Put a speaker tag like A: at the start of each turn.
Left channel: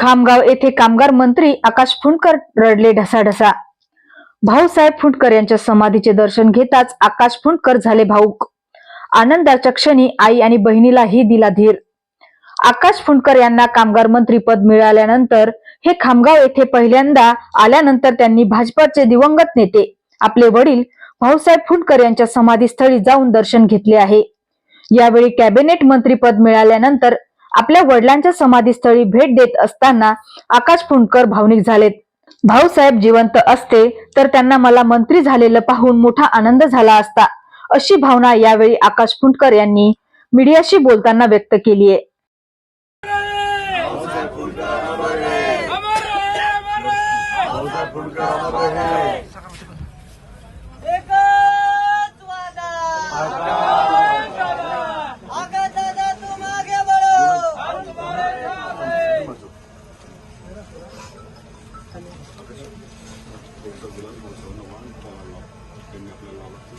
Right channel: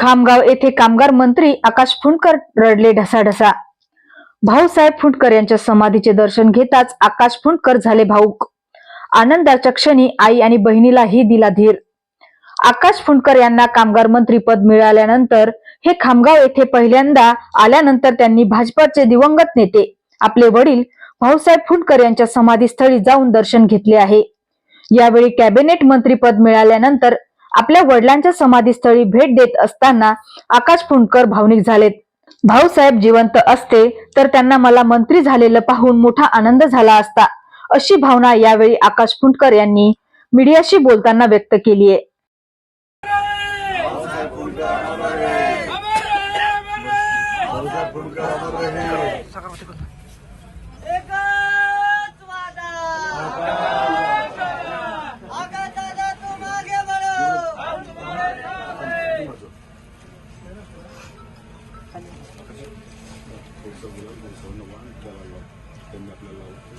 A: खामगाव येथे कामगार मंत्री आकाश फुंडकर रडले ढसाढसा. भाऊसाहेब फुंडकर यांच्या समाधीचे दर्शन घेताच आकाश फुंडकर झाले भाऊक. आनंदाच्या क्षणी आई आणि बहिणीलाही दिला धीर. आकाश फुंडकर यांना कामगार मंत्री पद मिळाल्यानंतर हे खामगाव येथे पहिल्यांदा आल्यानंतर त्यांनी भाजपाचे दिवंगत नेते आपले वडील भाऊसाहेब फुंडकर यांच्या समाधीस्थळी जाऊन दर्शन घेतले आहे. यावेळी कॅबिनेट मंत्रीपद मिळाल्यानंतर आपल्या वडिलांच्या समाधीस्थळी भेट देत असताना आकाश फुंडकर भावनिक झालेत. भाऊसाहेब जिवंत असते तर त्यांना मला मंत्री झालेलं पाहून मोठा आनंद झाला असता अशी भावना यावेळी आकाश फुंडकर यांनी मीडियाशी बोलताना व्यक्त केली आहे.
B: एकच responsabilidad con el segundo banco, en la plena